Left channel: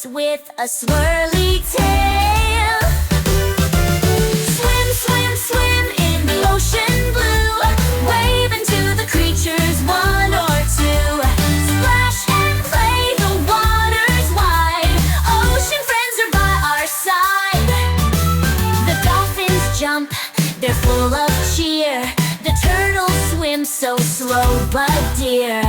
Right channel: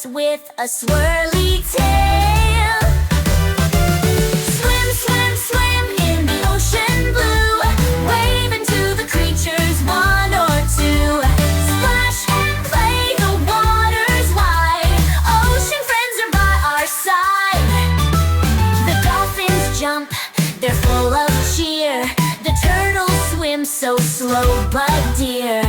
octopus with a swirly tail. Swim, swim, swim in the ocean blue, waving to the creatures one or two. Splash and play, the water's wide. Ocean friends are by our side. The dolphins jump, they're full of cheer. The turtles swim so slow but dear.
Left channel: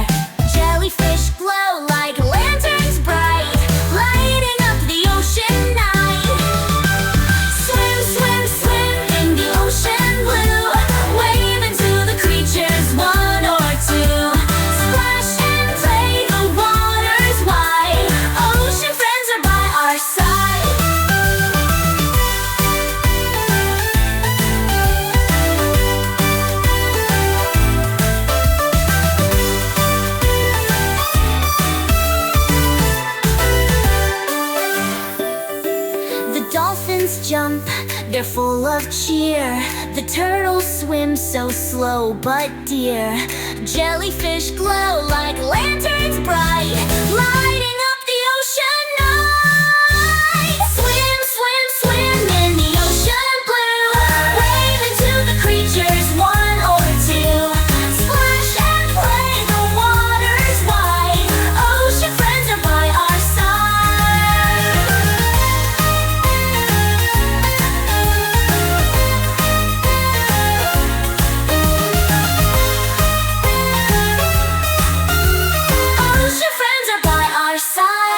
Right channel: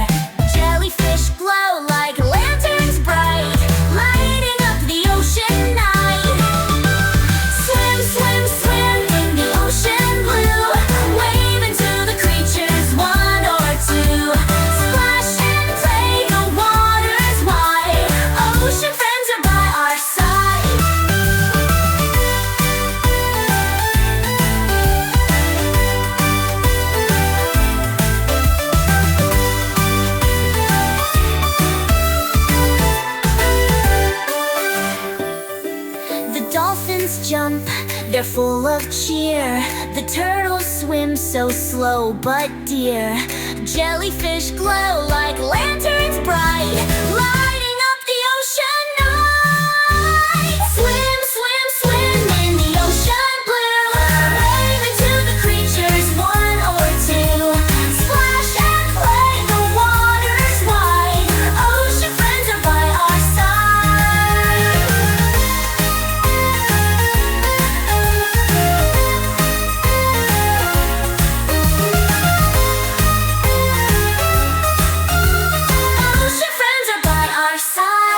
Jellyfish glow like lanterns bright, lighting up the ocean night. Swim, swim, swim in the ocean blue, waving to the creatures one or two. Splash and play, the water's wide. Ocean friends are by our side. The dolphins jump, they're full of cheer. The turtles swim so slow but dear. Jellyfish glow like lanterns bright, lighting up the ocean night. Swim, swim, swim in the ocean blue, waving to the creatures one or two. Splash and play, the water's wide. Ocean friends are by our side. Ocean friends are by our side.